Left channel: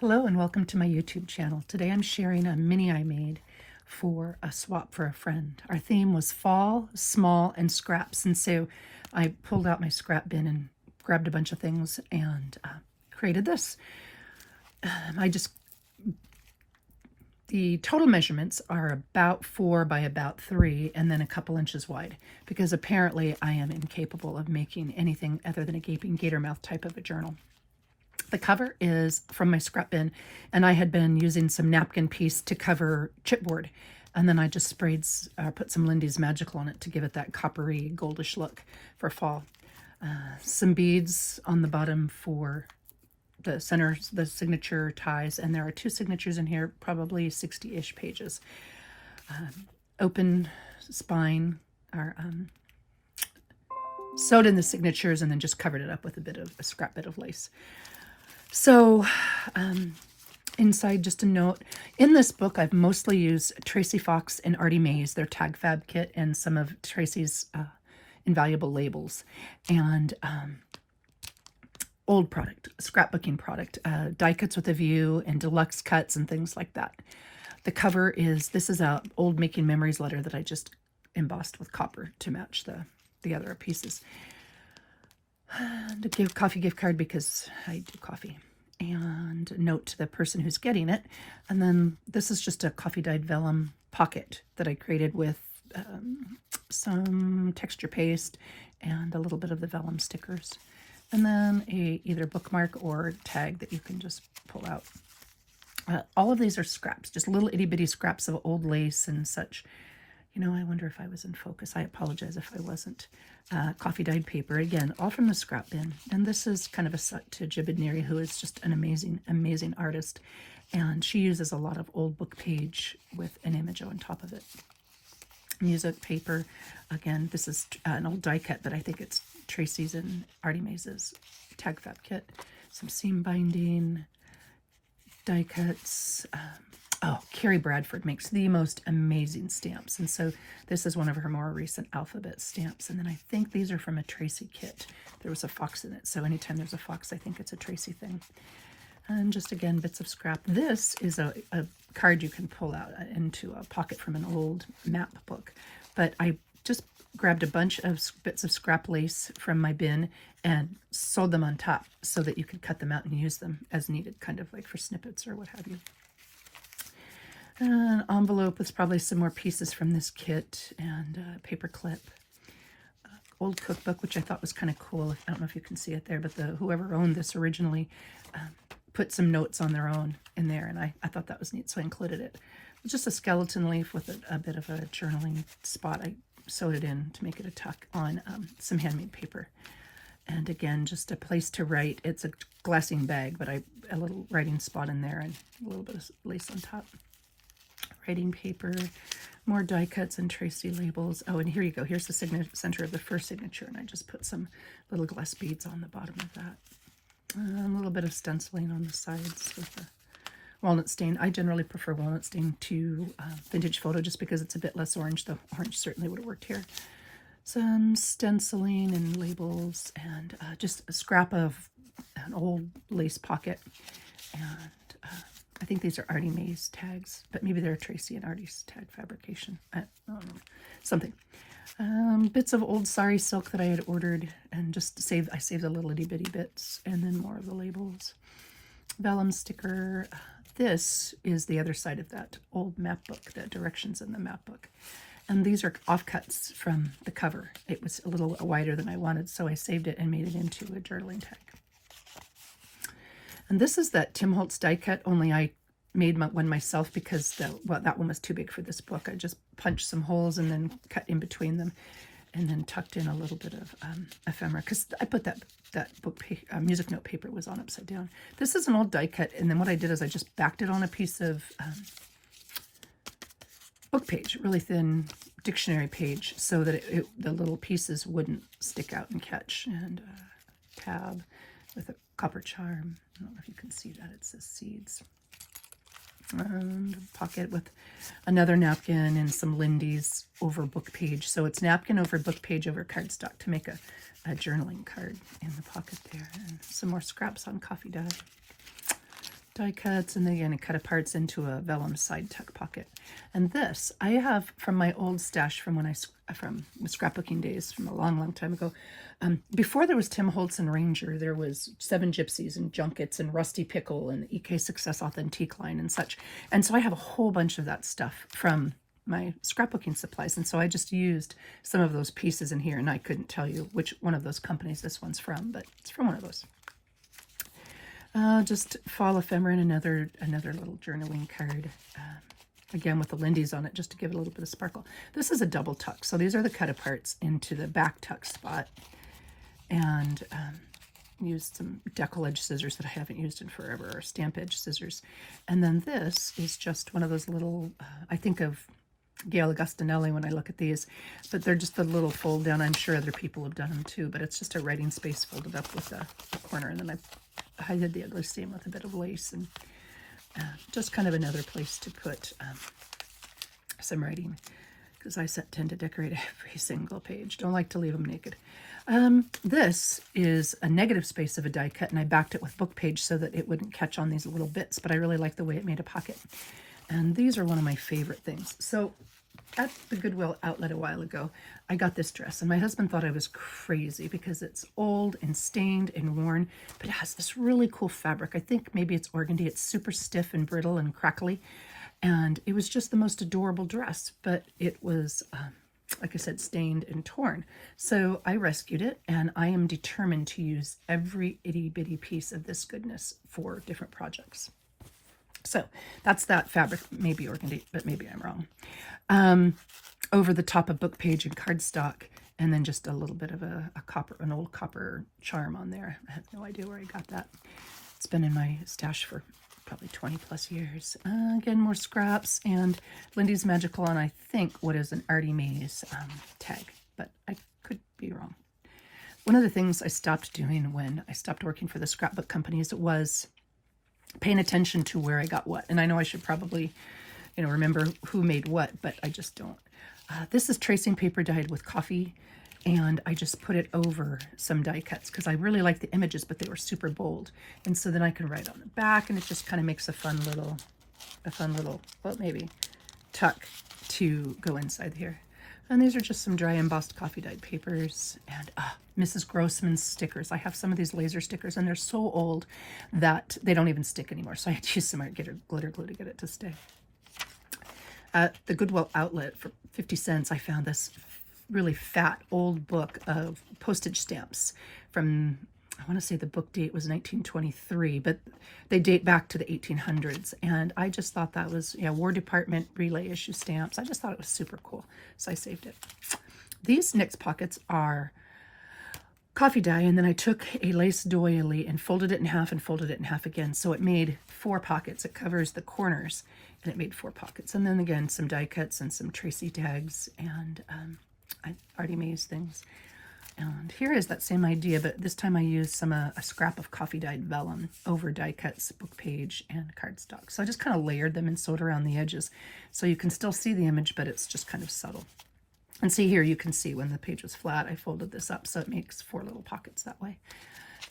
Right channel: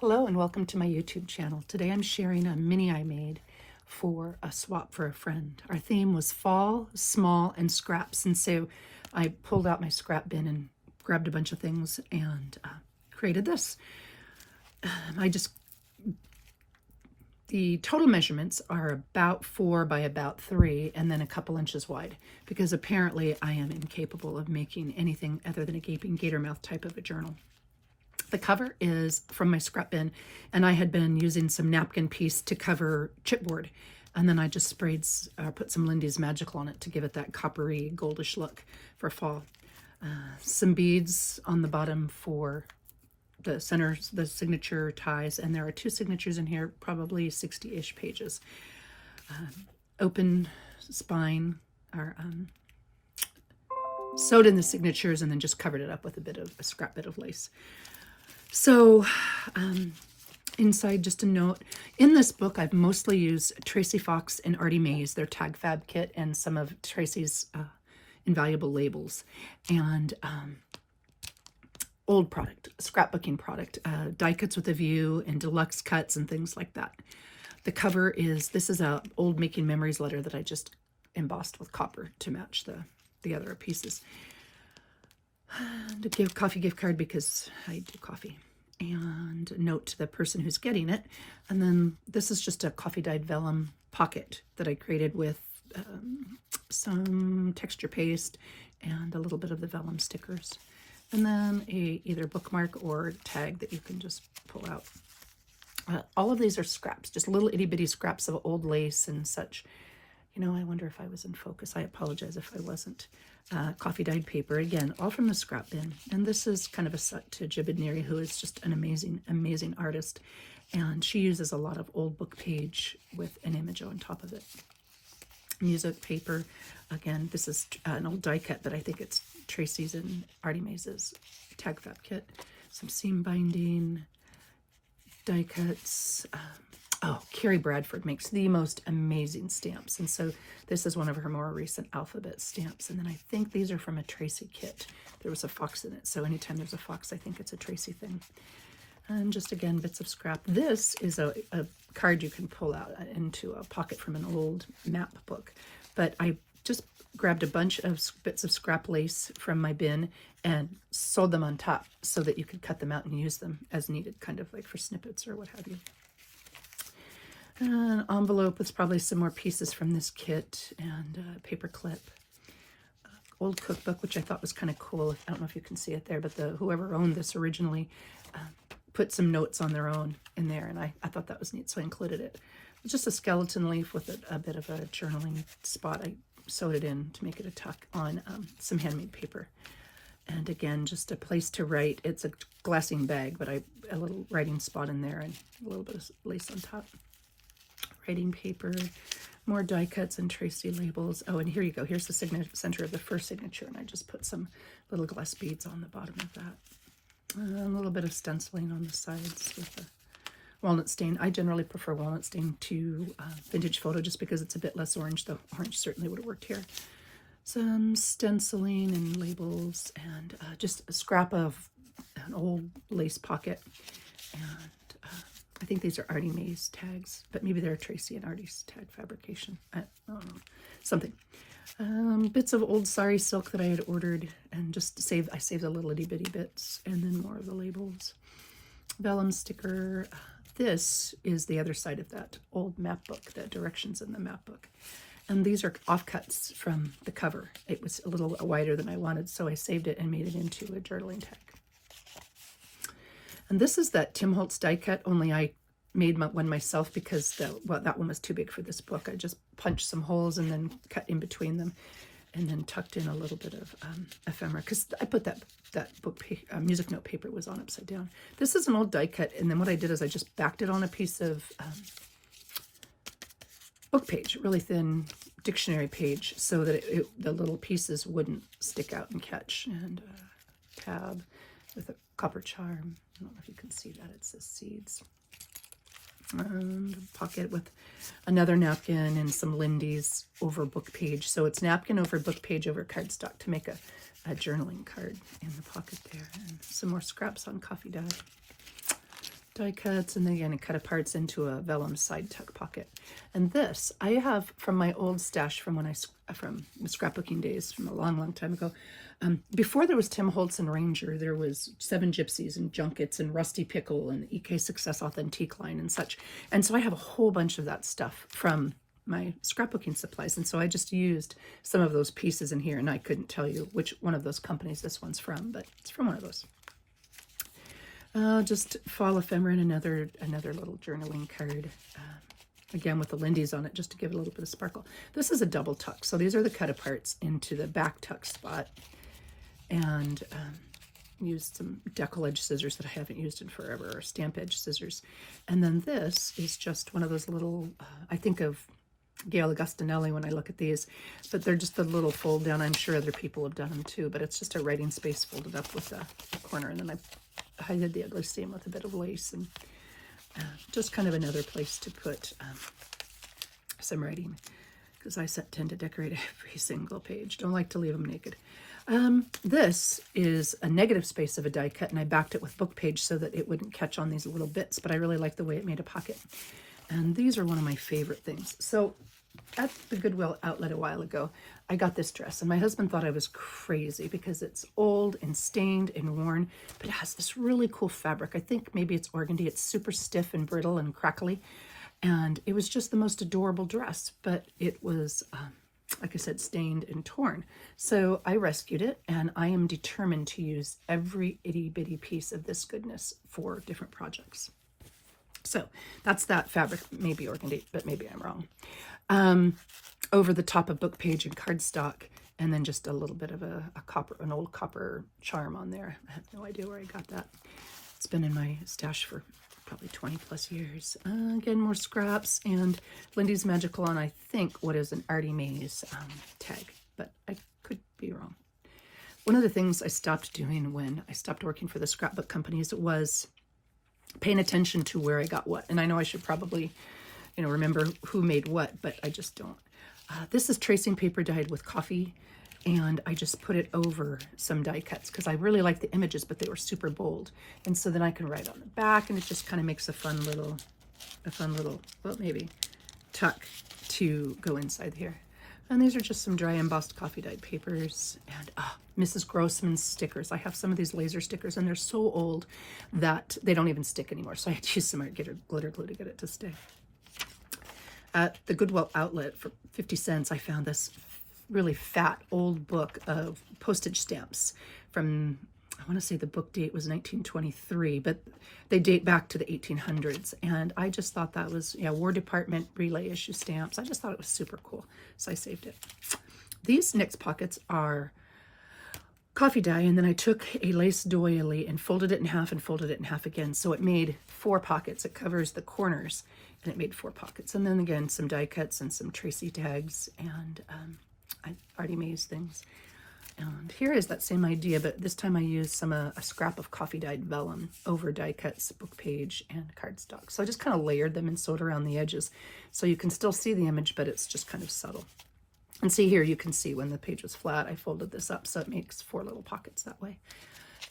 Hello and welcome to my YouTube channel. Today I'm sharing a mini I made for a swap for a friend. Our theme was fall, small, and scraps, and so I pulled out my scrap bin and grabbed a bunch of things and created this. The total measurements are about 4 by about 3 and then a couple inches wide, because apparently I am incapable of making anything other than a gaping gator mouth type of a journal. The cover is from my scrap bin, and I had been using some napkin piece to cover chipboard, and then I just put some Lindy's Magical on it to give it that coppery goldish look for fall. Some beads on the bottom for the centers, the signature ties, and there are 2 signatures in here, probably 60-ish pages. Open spine are sewed in the signatures and then just covered it up with a scrap bit of lace. So inside, just a note, in this book I've mostly used Tracy Fox and Artie Mays, their tag fab kit, and some of Tracy's invaluable labels, and old product, scrapbooking product, die cuts with a view and deluxe cuts and things like that. The cover this is a old Making Memories letter that I just embossed with copper to match the other pieces. And a coffee gift card because I do coffee, and a note to the person who's getting it. And then this is just a coffee dyed vellum pocket that I created with some texture paste and a little bit of the vellum stickers, and then either bookmark or tag that you can just pull out. All of these are scraps, just little itty bitty scraps of old lace and such. You know, I wonder if I was in focus. I apologize if I wasn't. Coffee dyed paper, again, all from the scrap bin. And this is kind of a set to Jibid, who is just an amazing, amazing artist. And she uses a lot of old book page with an image on top of it. Music paper, again, this is an old die cut, but I think it's Tracy's and Artie Mays' tag fab kit. Some seam binding, die cuts. Carrie Bradford makes the most amazing stamps, and so this is one of her more recent alphabet stamps. And then I think these are from a Tracy kit. There was a fox in it, so anytime there's a fox, I think it's a Tracy thing. And just, again, bits of scrap. This is a card you can pull out into a pocket from an old map book, but I just grabbed a bunch of bits of scrap lace from my bin and sewed them on top so that you could cut them out and use them as needed, kind of like for snippets or what have you. An envelope with probably some more pieces from this kit, and a paper clip. Old cookbook, which I thought was kind of cool. I don't know if you can see it there, but whoever owned this originally put some notes on their own in there, and I thought that was neat, so I included it. It's just a skeleton leaf with a bit of a journaling spot. I sewed it in to make it a tuck on some handmade paper. And again, just a place to write. It's a glassine bag, but a little writing spot in there and a little bit of lace on top. Writing paper, more die cuts and Tracy labels. Oh, and here you go. Here's the center of the first signature, and I just put some little glass beads on the bottom of that. A little bit of stenciling on the sides with a walnut stain. I generally prefer walnut stain to vintage photo just because it's a bit less orange, though orange certainly would have worked here. Some stenciling and labels, and just a scrap of an old lace pocket, and I think these are Artie Mays tags, but maybe they're Tracy and Artie's tag fabrication. I don't know, something. Bits of old sari silk that I had ordered, and just I saved the little itty bitty bits, and then more of the labels. Vellum sticker. This is the other side of that old map book, the directions in the map book. And these are offcuts from the cover. It was a little wider than I wanted, so I saved it and made it into a journaling tag. And this is that Tim Holtz die cut, only I made one myself because that one was too big for this book. I just punched some holes and then cut in between them, and then tucked in a little bit of ephemera, because I put that book music note paper was on upside down. This is an old die cut, and then what I did is I just backed it on a piece of book page, really thin dictionary page, so that the little pieces wouldn't stick out and catch. And a tab with a copper charm. I don't know if you can see that. It says seeds. And a pocket with another napkin and some Lindy's over book page. So it's napkin over book page over cardstock to make a journaling card in the pocket there. And some more scraps on coffee die cuts, and then again, cut aparts into a vellum side tuck pocket. And this I have from my old stash from when from scrapbooking days from a long time ago. Before there was Tim Holtz and Ranger, there was Seven Gypsies and Junkets and Rusty Pickle and EK Success Authentique line and such. And so I have a whole bunch of that stuff from my scrapbooking supplies, and so I just used some of those pieces in here, and I couldn't tell you which one of those companies this one's from, but it's from one of those. Just fall ephemera and another little journaling card, again with the Lindy's on it, just to give it a little bit of sparkle. This is a double tuck, so these are the cut aparts into the back tuck spot, and used some decal edge scissors that I haven't used in forever, or stamp edge scissors. And then this is just one of those little, I think of Gail Augustinelli when I look at these, but they're just a little fold down. I'm sure other people have done them too, but it's just a writing space folded up with a corner, and then I did the other same with a bit of lace, and just kind of another place to put some writing, because I tend to decorate every single page. Don't like to leave them naked. This is a negative space of a die cut, and I backed it with book page so that it wouldn't catch on these little bits, but I really like the way it made a pocket. And these are one of my favorite things. So at the Goodwill outlet a while ago, I got this dress, and my husband thought I was crazy because it's old and stained and worn, but it has this really cool fabric. I think maybe it's organdy. It's super stiff and brittle and crackly, and it was just the most adorable dress, but it was, like I said, stained and torn. So I rescued it, and I am determined to use every itty-bitty piece of this goodness for different projects. So that's that fabric, maybe organdy, but maybe I'm wrong. Over the top of book page and cardstock, and then just a little bit of an old copper charm on there. I have no idea where I got that. It's been in my stash for probably 20 plus years. Again, more scraps, and Lindy's Magical on, I think, what is an Artie Mays tag, but I could be wrong. One of the things I stopped doing when I stopped working for the scrapbook companies was paying attention to where I got what. And I know I should probably, remember who made what, but I just don't. This is tracing paper dyed with coffee, and I just put it over some die cuts because I really like the images, but they were super bold. And so then I can write on the back, and it just kind of makes a fun little, well, maybe tuck to go inside here. And these are just some dry embossed coffee dyed papers, and Mrs. Grossman's stickers. I have some of these laser stickers, and they're so old that they don't even stick anymore. So I had to use some glitter glue to get it to stick. At the Goodwill outlet for 50 cents, I found this really fat old book of postage stamps from, I want to say the book date was 1923, but they date back to the 1800s. And I just thought that was, War Department relay issue stamps. I just thought it was super cool. So I saved it. These next pockets are coffee dye, and then I took a lace doily and folded it in half and folded it in half again. So it made 4 pockets. It covers the corners, and it made 4 pockets. And then again, some die cuts and some Tracy tags and Artie Mays things. And here is that same idea, but this time I used a scrap of coffee dyed vellum over die cuts, book page, and cardstock. So I just kind of layered them and sewed around the edges, so you can still see the image, but it's just kind of subtle. And see here, you can see when the page was flat, I folded this up, so it makes 4 little pockets that way.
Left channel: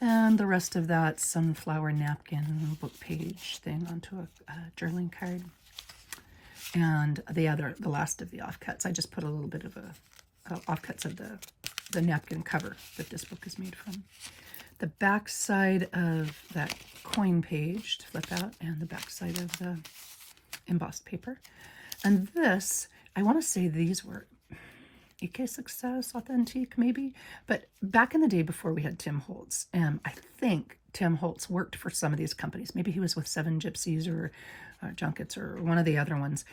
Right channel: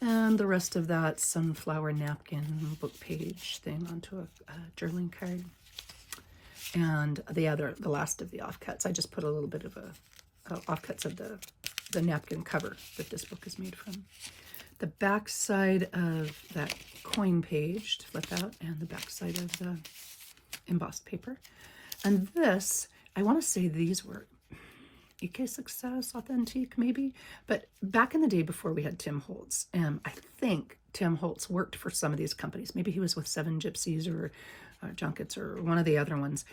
And the rest of that sunflower napkin book page thing onto a journaling card. And the last of the offcuts, I just put a little bit of offcuts of the napkin cover that this book is made from. The back side of that coin page to flip out, and the back side of the embossed paper. And this, I want to say these were EK Success Authentique, maybe, but back in the day before we had Tim Holtz, I think Tim Holtz worked for some of these companies. Maybe he was with Seven Gypsies or Junkets or one of the other ones.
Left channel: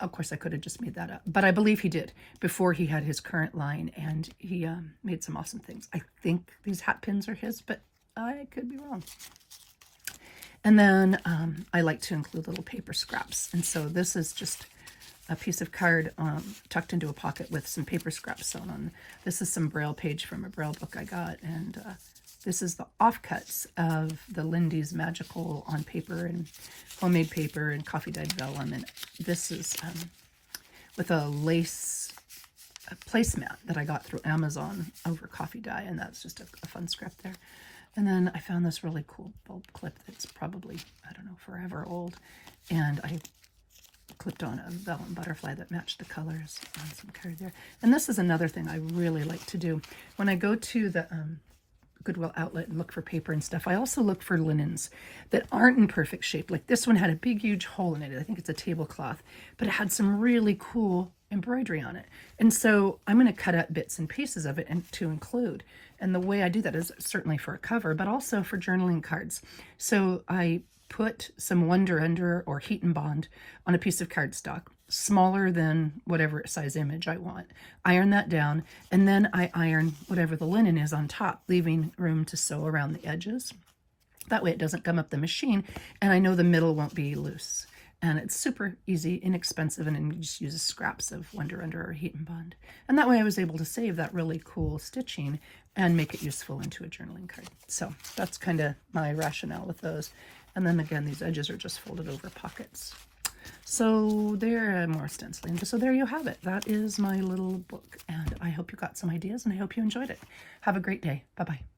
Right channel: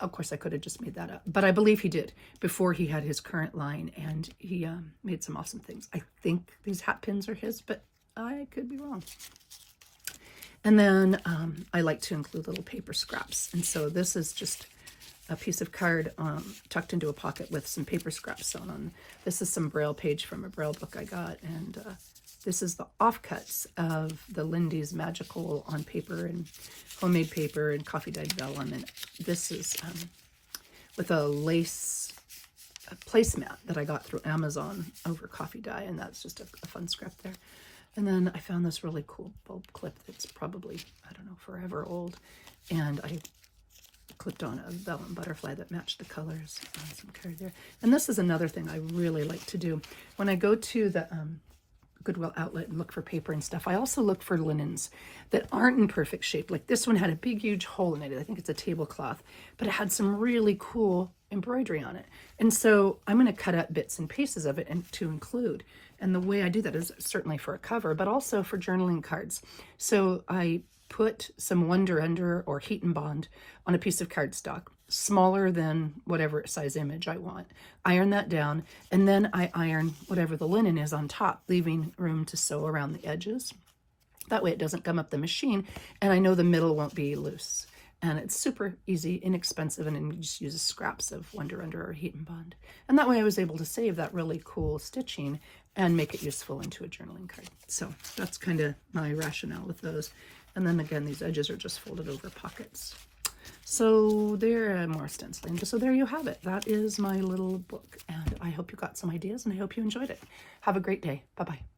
Of course, I could have just made that up, but I believe he did before he had his current line, and he made some awesome things. I think these hat pins are his, but I could be wrong. And then I like to include little paper scraps, and so this is just a piece of card tucked into a pocket with some paper scraps sewn on. This is some Braille page from a Braille book I got, and this is the offcuts of the Lindy's Magical on paper and homemade paper and coffee dyed vellum. And this is with a lace placemat that I got through Amazon over coffee dye, and that's just a fun scrap there. And then I found this really cool bulb clip that's probably, I don't know, forever old. And I clipped on a vellum butterfly that matched the colors. Some card there. And this is another thing I really like to do. When I go to the Goodwill outlet and look for paper and stuff, I also look for linens that aren't in perfect shape. Like this one had a big, huge hole in it. I think it's a tablecloth, but it had some really cool embroidery on it. And so I'm going to cut out bits and pieces of it and to include. And the way I do that is certainly for a cover, but also for journaling cards. So I put some Wonder Under or Heat and Bond on a piece of cardstock, smaller than whatever size image I want. Iron that down, and then I iron whatever the linen is on top, leaving room to sew around the edges. That way it doesn't gum up the machine, and I know the middle won't be loose. And it's super easy, inexpensive, and you just use scraps of Wonder Under or Heat and Bond. And that way I was able to save that really cool stitching and make it useful into a journaling card. So that's kind of my rationale with those. And then again, these edges are just folded over pockets. So they're more stenciling. So there you have it. That is my little book. And I hope you got some ideas and I hope you enjoyed it. Have a great day. Bye-bye.